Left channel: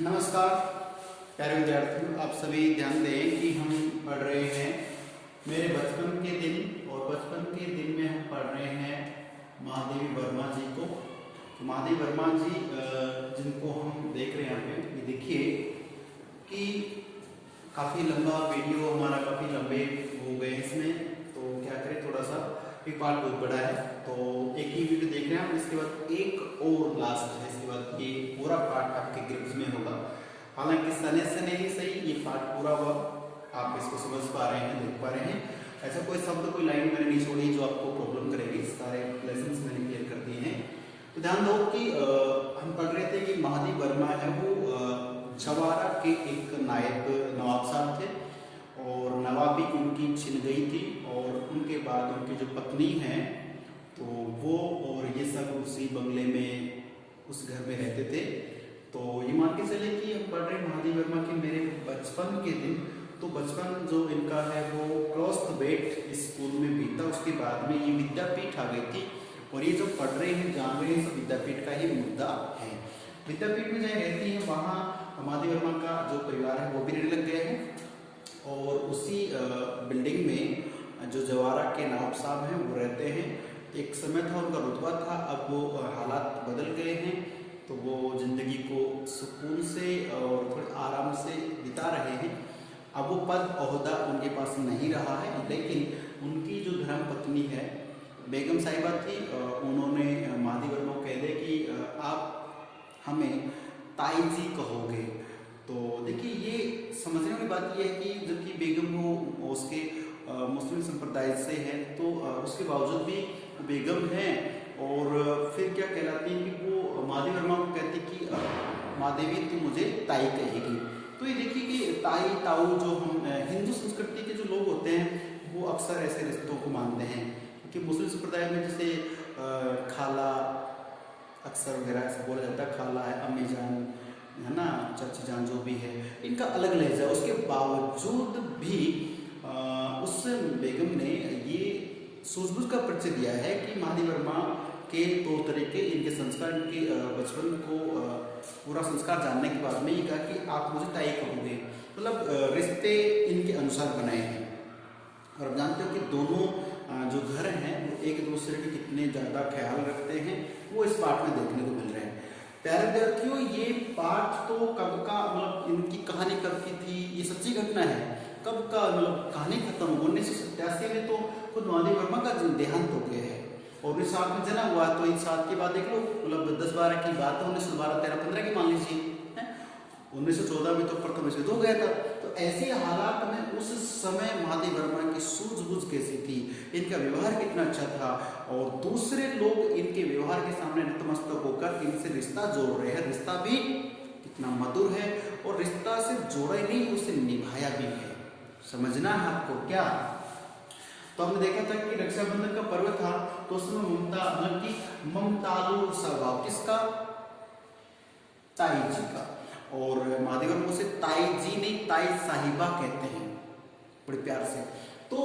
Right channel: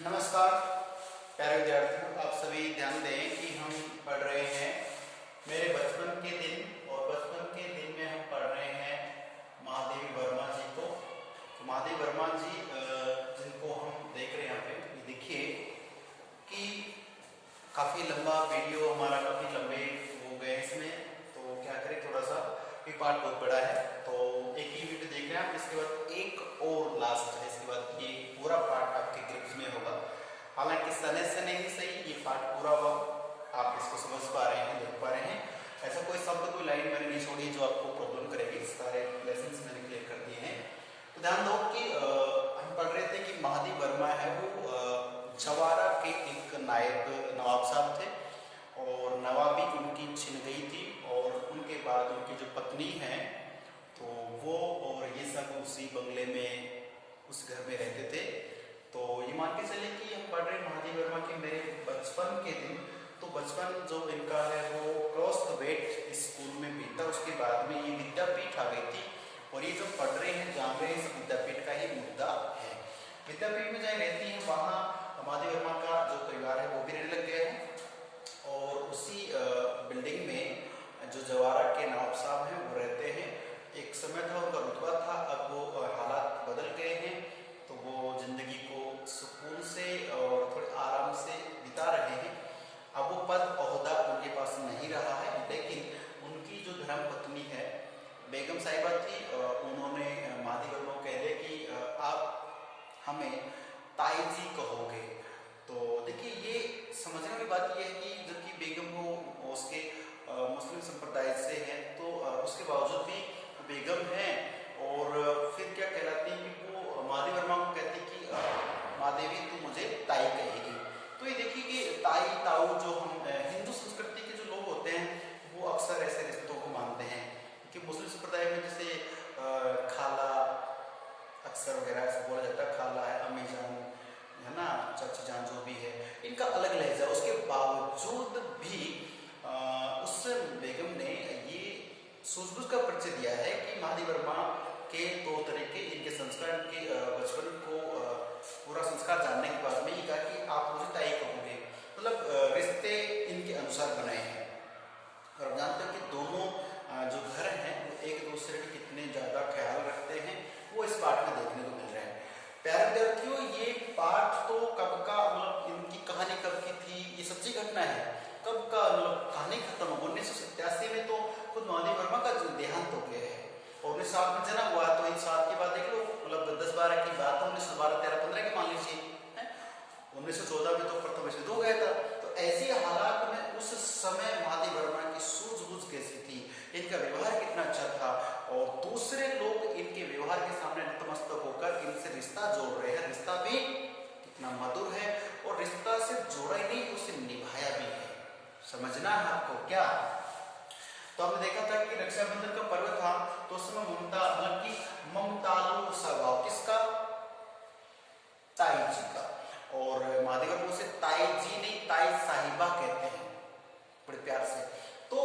नमस्कार प्यारे विद्यार्थियों, आप सभी ध्यान दें कि हम पढ़ रहे हैं मेरे बचपन के दिन। और बचपन के दिन में हम पढ़ रहे हैं महादेवी वर्मा जी को। तो महादेवी वर्मा जी जिनको हम देख रहे हैं यहाँ पे, ये देखिए कि काफ़ी लंबा वीडियो हमारा, काफ़ी लंबे हो गए इसमें। तो क्या करें, थोड़ा सा ये पार्ट बहुत बड़ा है तो एक ही वीडियो देख रहे हैं हम। इसके बाद एक और लास्ट है, इसके बाद ये पूरा पार्ट आपके ग्रुप्स में होगा। हालांकि सने सने ही सही ये पार्ट पूरा हुआ, आप इसको समझ पा रहे हैं, देख पा रहे हैं। ऐसा कोई शब्द, कोई लाइन मैंने नहीं छोड़ी जो आपको प्रॉब्लम करेगी। सारे लेसन मैंने क्लियर कर दिए हैं। तो ध्यान दो कि हम पढ़ रहे थे कि महादेवी वर्मा है वो जवारा के एक नायब नवाब साहब थे और नवाबी उनकी छिन गई थी। और उनके बाद उनकी जो पत्नी है तो वो और ये सब उसी बंगले में, उस घर में रहते थे। तो ये मान के चले कि हम पढ़ रहे महादेवी वर्मा के मेरे बचपन के दिन। तो बचपन जो इनका है वो क्रॉस द वेट स्कूल में बीता। उसके बाद में ये विद्यापीठ आ गई थी। और ये जो पढ़ रहे हैं, जान रहे हैं, सब विद्यापीठ का ही मुद्दा है। विद्यापीठ में जहाँ रहती है वहाँ महादेवी वर्मा का जो परिवार है वो भी रहने लग गए हैं। और उसी बिल्डिंग में जो जवारा के नवाब साहब हैं वो रहते हैं। एक समय था उनका रुतबा था, अब वो हालात बदल गए हैं। तो वो जिंदगी को सुकून से और थोड़े आराम से बिता रहे हैं। अब वो पद ओहदा उनके पास नहीं रहा है, लेकिन उनकी जो धर्म पत्नी है बेगम साहिबा थी, उन्होंने महादेवी वर्मा को कह दिया कि आप हमें ताई जी कहोगे। तो देखिए, ये समझने वाली बात यह है कि जबकि बेगम वो उसके मुस्लिम संप्रदाय से है, तो उसके बावजूद भी बेगम है। और फिर क्या कहलाती है कि वो महादेवी वर्मा को कहती कि महादेवी तू मुझे ताई कहेगी। तो ये देखिए कि ताई ताऊ जो हम हिंदू संस्कृति के जो लोग होते हैं वो अक्सर ऐसे रिश्तों को मानते हैं। क्योंकि मुस्लिम संप्रदाय में जैसे खाला अक्सर वगैरह ऐसा बोला जाता है, खाला है, अम्मी जान है ना, चाची जान, जो भी है, इनका अलग लहजा। उसके बावजूद भी उस बेगम ने ये सूझबूझ का परिचय दिया है कि महादेवी वर्मा के तौर तरीके, इनके संस्कार, इनके बचपन को पूरा संस्कार जानने के बाद में ये कहा कि आप मुझे ताई कहोगे। मतलब रिश्ते इनके अनुसार बनाए हैं। और आप जानते हो कि दोनों जो घर हैं वो एक दूसरे के कितने ज्यादा ख्याल रखते हैं, वो इस पाठ में देखने को मिल रहा है। प्यारे विद्यार्थियों, ये पाठ तो कब का, मतलब इनकी कहानी कब की थी, ये सच्ची घटना है। कब का, मतलब कहानी खत्म 1987 में तो खुद महादेवी वर्मा का देहांत हो गया है। और 1960 में जन्म हुआ, तो इन साल के बाद देख लो, मतलब 10-12 की बात है, 1912, 13, 15 की मान लीजिए। 1914 में तो प्रथम विश्व हो गया था। तो ऐसे हालात में उस समय महादेवी वर्मा की सूझबूझ कैसी थी, इनका व्यवहार कितना अच्छा था, और दूसरे लोग इनके व्यवहार के सामने नतमस्तक होकर इनसे रिश्ता जोड़ रहे हैं। रिश्ता भी कितना मधुर है, और रिश्ता से जोड़ा ही नहीं, उसे निभाया भी है। समझना है आपको क्या? तो हमने देखा था कि रक्षाबंधन का पर्व था, तो उसमें ममता, मतलब कि ममतालु स्वभाव किसका? ताई जी का। और महादेवी वर्मा से ताई जी नहीं, ताई साहिबा कहते हैं बड़े प्यार से। तो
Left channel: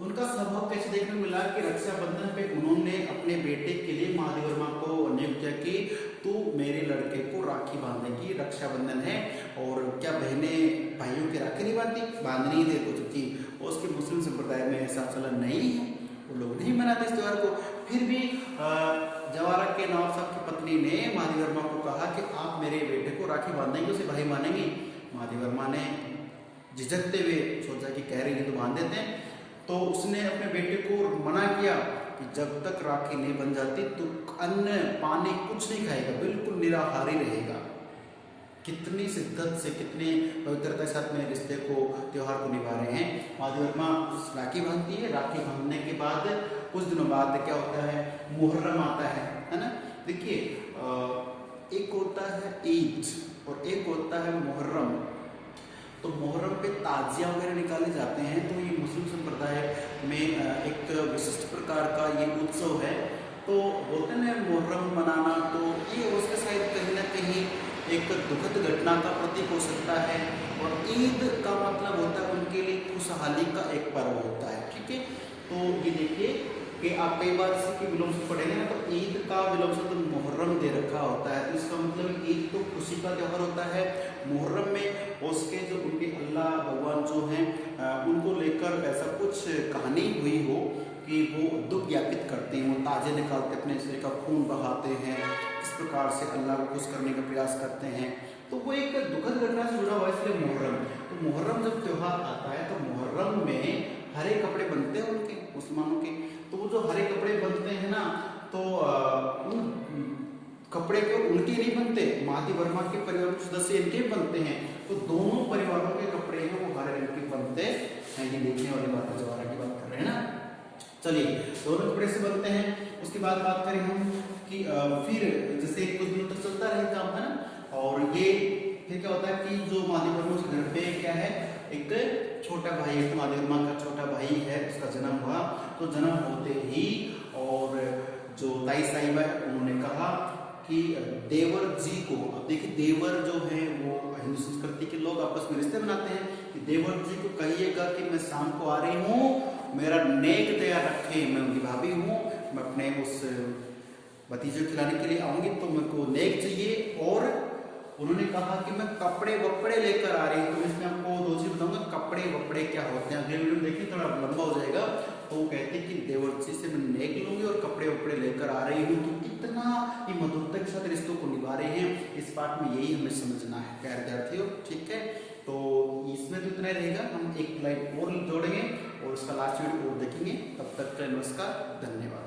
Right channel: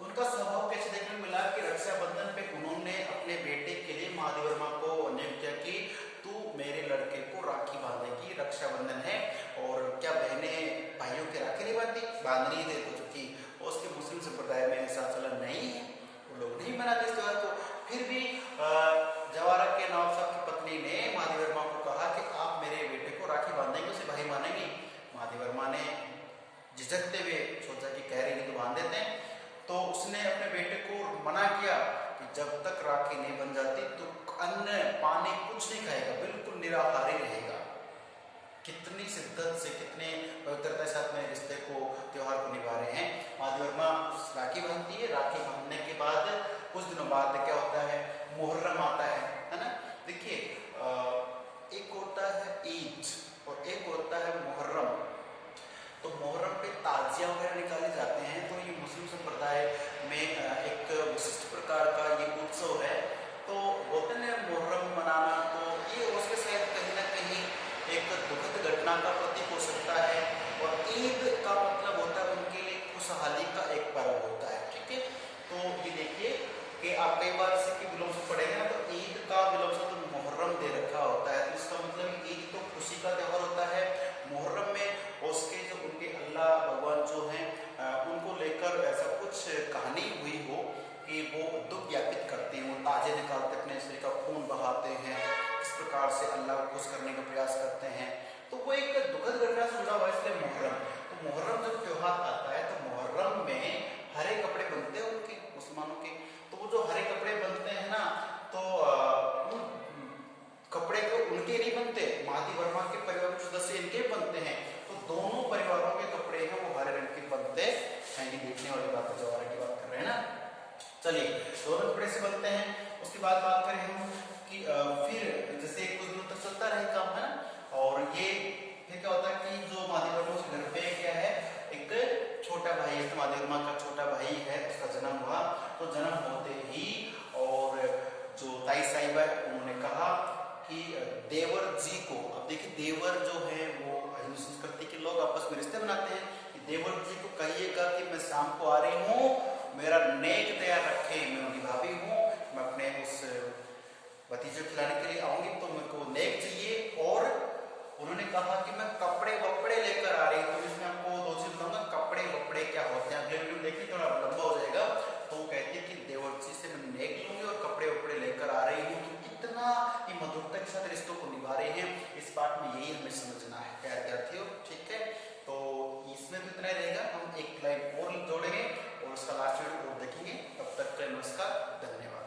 उनका स्वभाव कैसे देखने को मिला कि रक्षाबंधन पे उन्होंने अपने बेटे के लिए महादेवी वर्मा को नियुक्त किया कि तू मेरे लड़के को राखी बांधेगी, रक्षाबंधन है। और क्या बहनें भाइयों के राखी नहीं बांधती? बांधनी है कुछ थी। और उसके मुस्लिम संप्रदाय में ऐसा चलन नहीं है, वो लोग नहीं मनाते इस त्योहार को। फिर भी जवारा के नवाब साहब की पत्नी ने महादेवी वर्मा को कहा कि आप मेरे बेटे को राखी बांधेंगे, उसे भाई मानेंगी। महादेवी वर्मा ने झिझकते हुए सोचा कि कह रही तो बांध देते हैं। तो उसने अपने बेटे को मना किया कि जब तक राखी नहीं बन जाती तो अन्न पानी कुछ नहीं खाएगा, बिल्कुल निराहारी रहेगा। कितनी शिद्दत से, कितनी पवित्रता के साथ में रिश्ते को, त्योहार को निभा रहे हैं। महादेवी वर्मा राखी बांधती है। राखी बांधने के बाद कुछ दिनों बाद क्या होता है? मुहर्रम आता है ना। देखिए, एक होता है ईद और एक होता है मुहर्रम। तो मुहर्रम पे ताजिया वगैरह निकाले जाते हैं। तो ये मुस्लिम संप्रदाय में एक विशिष्ट प्रकार का ये उत्सव है। तो बोलते हैं मुहर्रम मनाना, तो ये उसके साथ कहीं ना कहीं एक दुखद घटना का प्रतीक हो सकता है। और ईद का मतलब होता है उनके लिए खुशहाली का एक पर्व होता है। ठीक है, तो ये देखिए कि आप कई बार इसकी विलोम से पढ़ेंगे ना, तो ईद का विलोम से मुहर्रम दे रखा होता है। तो इसका मतलब ईद तो खुशी का त्यौहार होता है। मुहर्रम में उसके जो उनके अल्लाह भगवान जो हैं उनको लेकर ऐसा कुछ कहानी हुई हो कि वो दुख ज्ञापित करते हैं, वो ताजे निकालते अपने शरीर का खून बहाते हैं, इस प्रकार से अल्लाह को खुश करने का प्रयास करते हैं। तो वो एक दुखद घटना से जुड़ा हुआ है, इसलिए मुहर्रम। तो मुहर्रम जब त्योहार आता है तो मुहर्रम में हरे कपड़े बनते हैं उनके मुसलमानों के। तो वो जो हरे कपड़े बनते हैं ना, तो उन कपड़े को उनके नहीं बनते, महादी वर्मा के परिवार के सदस्य इनके भी बनते हैं। तो दोनों परिवारों के कपड़े हैं वो हरे रंग के बनते हैं। ये देखने वाली बात है, जवाहर की बात कर रहे हैं ना। चलिए, दोनों कपड़े से बनते हैं। उसके बाद बात करें हम कि फिर जैसे कुछ दिन तक चलता रहे काम, है ना। और ये फिर क्या होता है कि जो महादी वर्मा के घर पे क्या है, एक छोटा भाई है, महादी वर्मा का छोटा भाई है, उसका जन्म हुआ। तो जन्म होते ही और जो ताई साहिबा है उन्होंने कहा कि देवर जी को, अब देखिए देवर जो है वो हिंदू संस्कृति के लोग आपस में रिश्ते बनाते हैं, कि देवर जी को कहिएगा कि मैं शाम को आ रही हूँ, मेरा नेक तैयार रखे, मैं उनकी भाभी हूँ, मैं अपने उस भतीजे को खिलाने के लिए आऊंगी, तो मेरे को नेक चाहिए। और उन्होंने कहा कि मैं कपड़े वपड़े लेकर आ रही हूँ। तो इसमें आपको दो चीज बताऊंगा, कपड़े वपड़े क्या होते हैं, अगले वीडियो में देखिए, थोड़ा लंबा हो जाएगा। तो वो कहती कि देवर्षि से मैं नेक लूंगी और कपड़े वपड़े लेकर आ रही हूँ। तो इतना ये मधुरता के साथ रिश्तों को निभा रहे हैं। इस पार्ट में यही हमें समझना है प्यारे विद्यार्थियों, ठीक है। तो इसमें भी इतना रहेगा, हम एक लाइन और जोड़ेंगे और उसका लास्ट वीडियो और देखेंगे। तब तक का नमस्कार, धन्यवाद।